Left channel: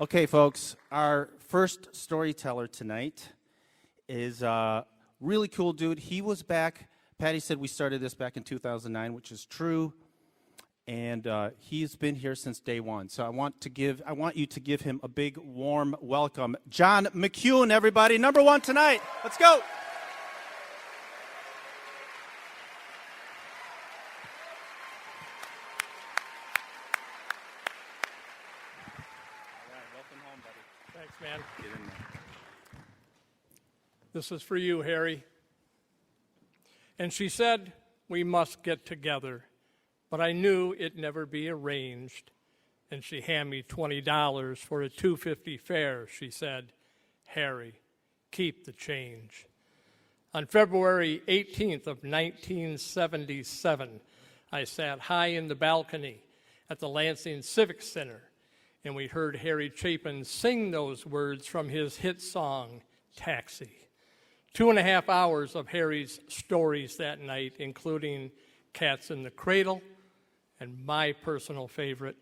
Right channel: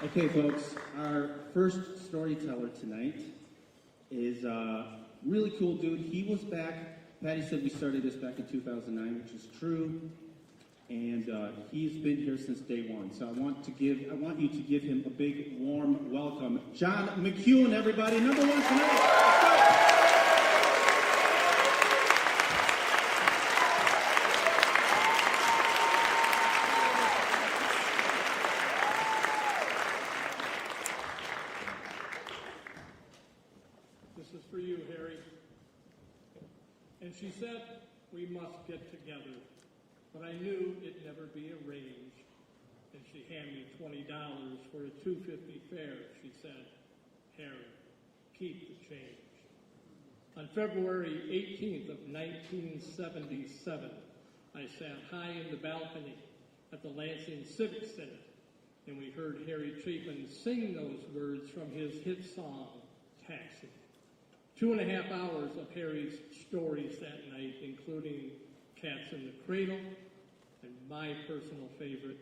Okay, folks, our first storyteller tonight is a really cool dude. He was back, Patty said we started this back in 2009, which is true, and he's been here since day one. So I want you to give him a big, warm welcome. John McCune, everybody, number one tonight. Let's go. This is for you, Harry. And she said, we must get together, but I knew it'd never be arranged. And she handed me $20 for a $2.50 fare. She said, Harry, keep the change. On February 18th of 1977, I sat high in the balcony at the Lansing Civic Center, and we heard Harry Chapin sing those words from his hit song, Taxi. 2.5 hours of Harry's stories that night, including Cats in the Cradle and my personal favorite,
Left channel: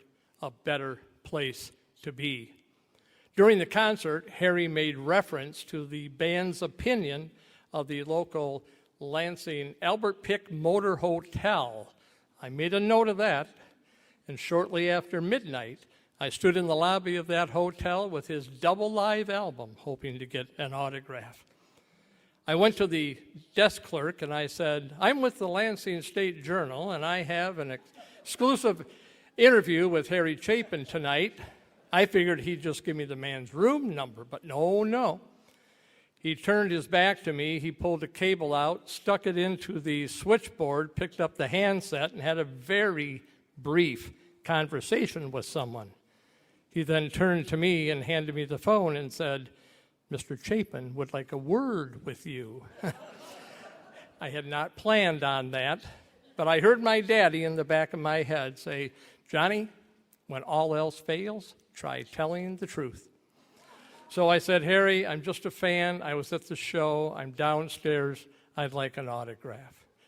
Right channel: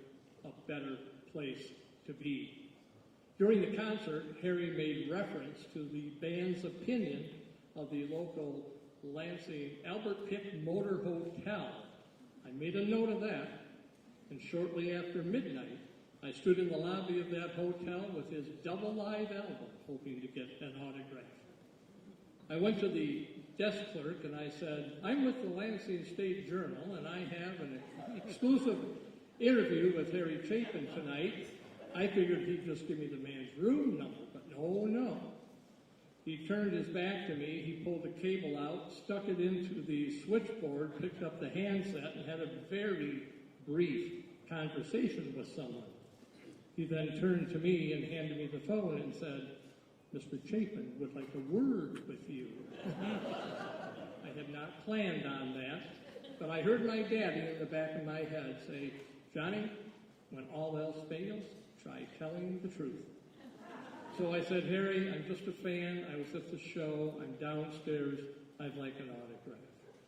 A Better Place to Be. During the concert, Harry made reference to the band's opinion of the local Lansing Albert Pick Motor Hotel. I made a note of that, and shortly after midnight, I stood in the lobby of that hotel with his double live album, hoping to get an autograph. I went to the desk clerk and I said, I'm with the Lansing State Journal and I have an exclusive interview with Harry Chapin tonight. I figured he'd just give me the man's room number, but no. He turned his back to me, he pulled a cable out, stuck it into the switchboard, picked up the handset, and had a very brief conversation with someone. He then turned to me and handed me the phone and said, Mr. Chapin would like a word with you. I had not planned on that, but I heard my daddy in the back of my head say, Johnny, when all else fails, try telling the truth. So I said, Harry, I'm just a fan. I was at the show. I'm downstairs. I'd like an autograph.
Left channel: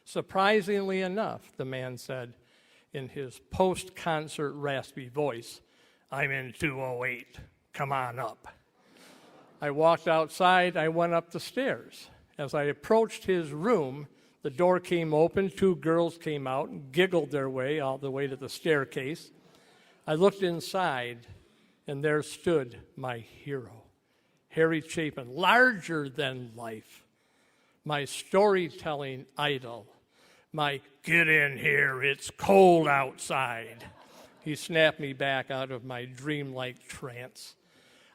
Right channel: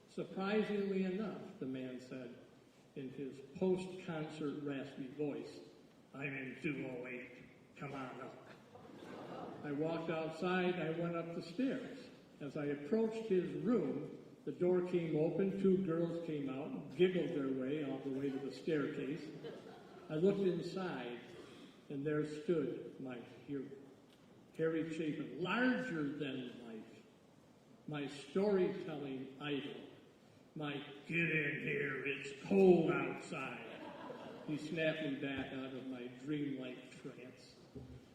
Surprisingly enough, the man said in his post-concert raspy voice, I'm in 208. Come on up. I walked outside, I went up the stairs. As I approached his room, the door came open, 2 girls came out and giggled their way all the way to the staircase. I looked inside, and there stood my hero, Harry Chapin, larger than life, my storytelling idol, my get in here, it's cold outside. He snapped me back out of my dreamlike trance.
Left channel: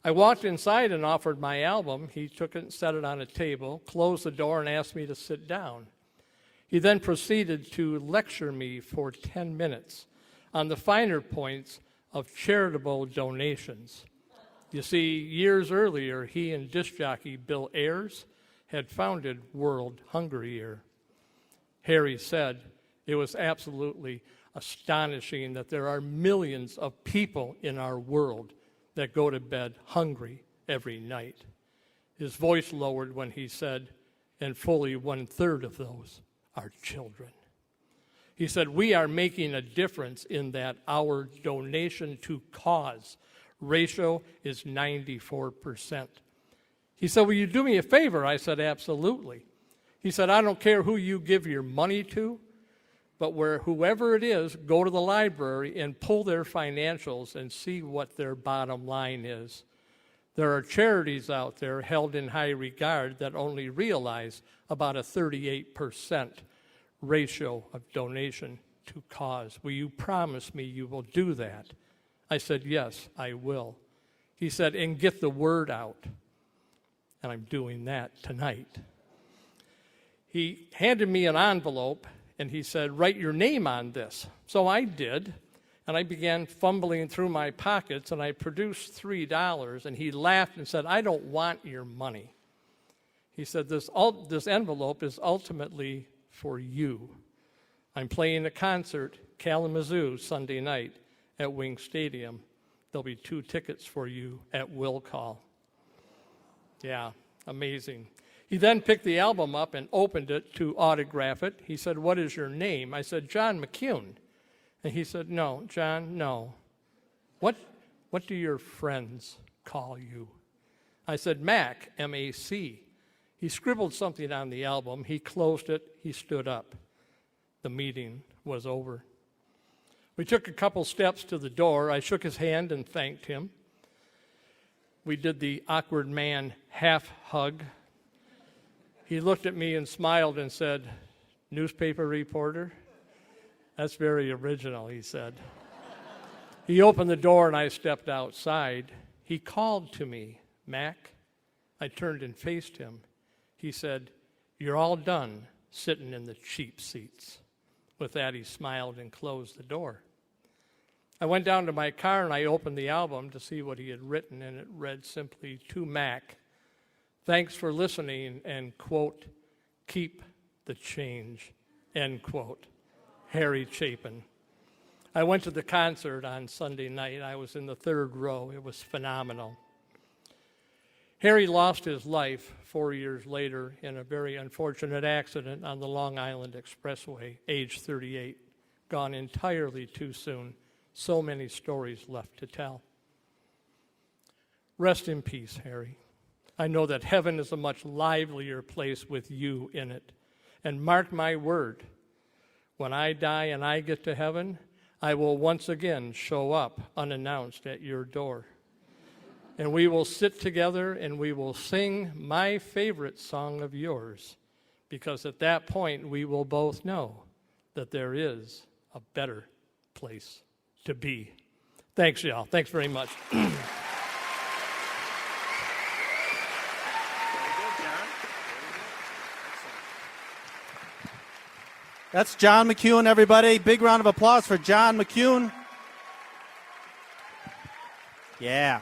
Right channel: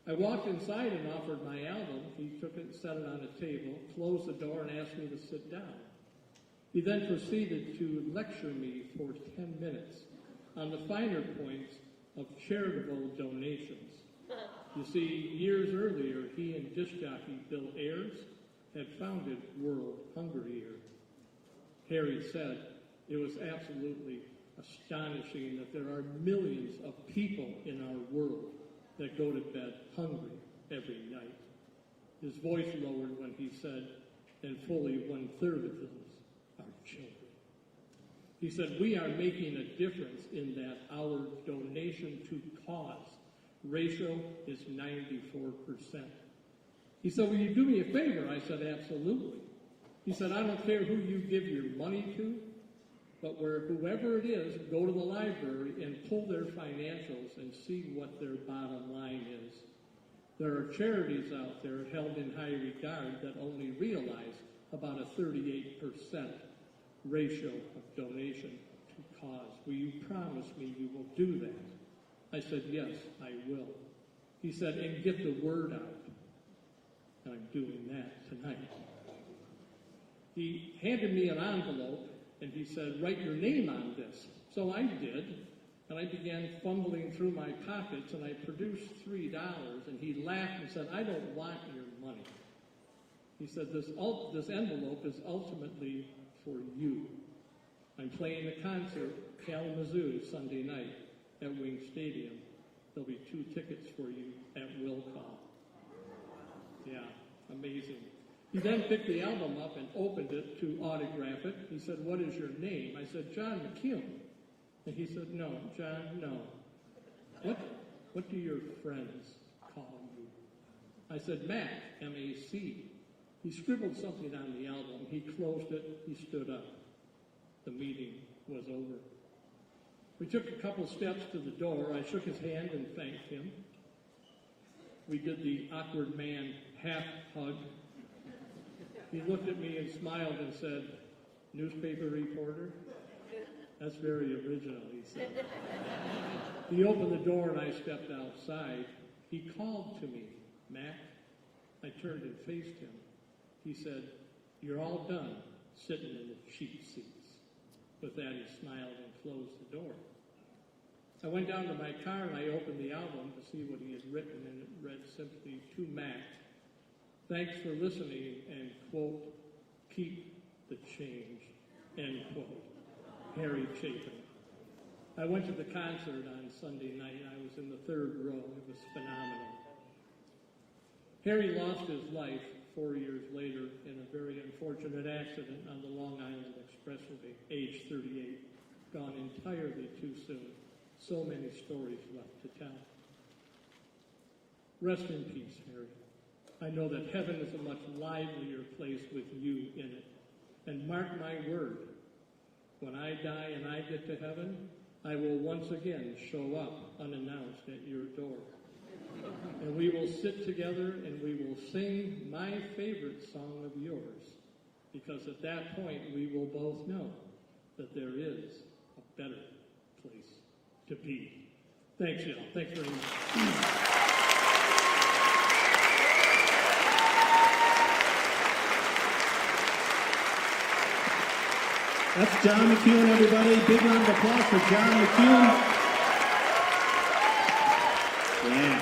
I walked inside and offered my album. He took it and set it on a table, closed the door, and asked me to sit down. He then proceeded to lecture me for 10 minutes on the finer points of charitable donations. You see, years earlier, he and disc jockey Bill Ayers had founded World Hunger Year. Harry said, it was absolutely astonishing that there are millions of people in our world that go to bed hungry every night. His voice lowered when he said, and fully 1/3 of those are children. He said, we are making a difference in that our donation to cause ratio is 94%. He said, will you do me a favor? I said, absolutely. He said, I don't care who you give your money to, but whoever it is, go to the library and pull their financials and see what their bottom line is. There are charities out there held in high regard that only realize about a 38% ratio of donation to cause. Will you promise me you will do that? I said, yes, I will. He said, and get the word out. And I'm doing that tonight. He handed me an envelope and he said, write your name on this. So I did, and I began fumbling through my pockets, and I produced $3, and he laughed and said, I don't want your money. He said, this envelope is ultimately for you. I'm playing a concert, Kalamazoo, Sunday night at Wing Stadium. There'll be 2 tickets for you at will call. Yeah, amazing. He then picked the album up and opened it to autograph it. He said, what is your name? I said, John McCune. And he said, no, John, no. What what do your friends call you? I said, Mac, M-A-C. He scribbled something on the album. He closed it. He stood up. The meeting was over. We took a couple steps to the door. I shook his hand and thanked him. We did the awkward man half hug. He looked at me and smiled and said, newspaper reporter? That's very original, he said. He opened the door and I stepped outside. He called to me, Mac. I turned and faced him. He said, you're all done sitting in the cheap seats. With that, he smiled and closed the door. I went down to my car and I opened the album to see what he had written, and it read simply, to Mac, thanks for listening, and, quote, keep the change, end quote. Harry Chapin. I went to the concert on Sunday night. I was in the third row. It was phenomenal. Harry lost his life 4 years later in a very unfortunate accident on the Long Island Expressway, age 38, gone entirely too soon. So many stories left to tell. Rest in peace, Harry. I know that heaven is a much livelier place with you in it. And mark my word, when I die and I get to heaven, I will once again show up unannounced at your door. And we will sit together and we will sing my favorite song of yours, because at that point we will both know that there is a better place to be. Thanks, y'all. Thanks very much. That's John McCune, everybody. Big round of applause for John McCune. Yeah.